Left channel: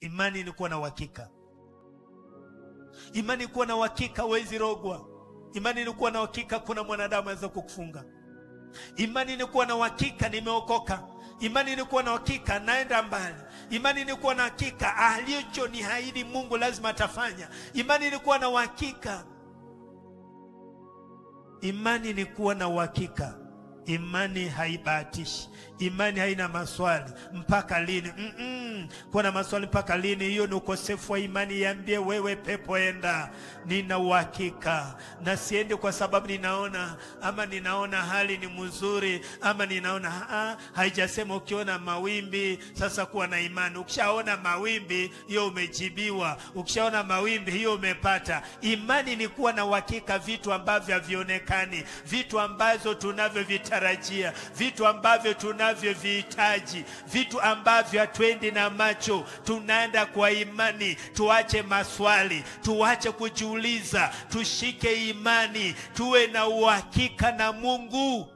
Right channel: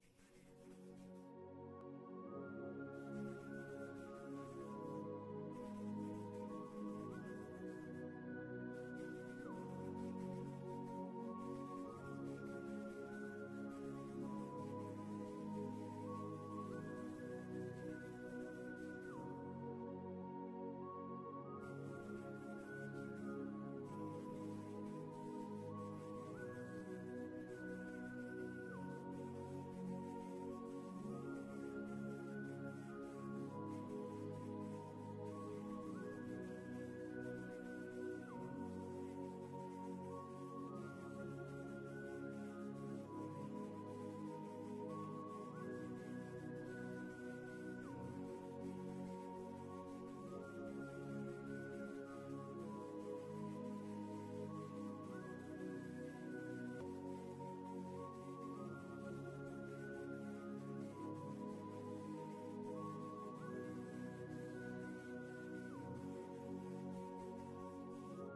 Imani ni kuwa na uhakika. Imani ni kuwa na uhakika huwezi rogwa. Imani ni kuwa na uhakika kuna mwanadamu anaweza kukufunga. Imani ni kuwa na uhakika nimeokoka. Imani ni kuwa na uhakika naenda mbali. Imani ni kuwa na uhakika alichoniahidi Mungu lazima atafanya. Imani ni kuwa na uhakika. Imani ni kuwa na uhakika. Imani haibahatishi. Imani haina maswali mpaka lini. Kuwa na maswali mpaka lini, hiyo ni ukosefu wa imani. Iambie wewe pepo, enda. Nina uhakika na siendi kwa sababu ninaona hali ni mzuri, ama ninaona haijasema ukiona mawimbi. Sasa kuwa na imani. Ukishaona mawimbi, hiyo umejibiwa. Ukishaona mawimbi, hiyo umepata. Imani ni kuwa na uhakika vitu ambavyo havionekani, vitu ambazo tunavyovitarajia, vitu ambavyo tunavyovihitaji, vitu ambavyo hatuendi na macho, tunaenda kwa imani. Tuache maswali, tuache kujiuliza, tushike imani, tuwe na uhakika na Mungu.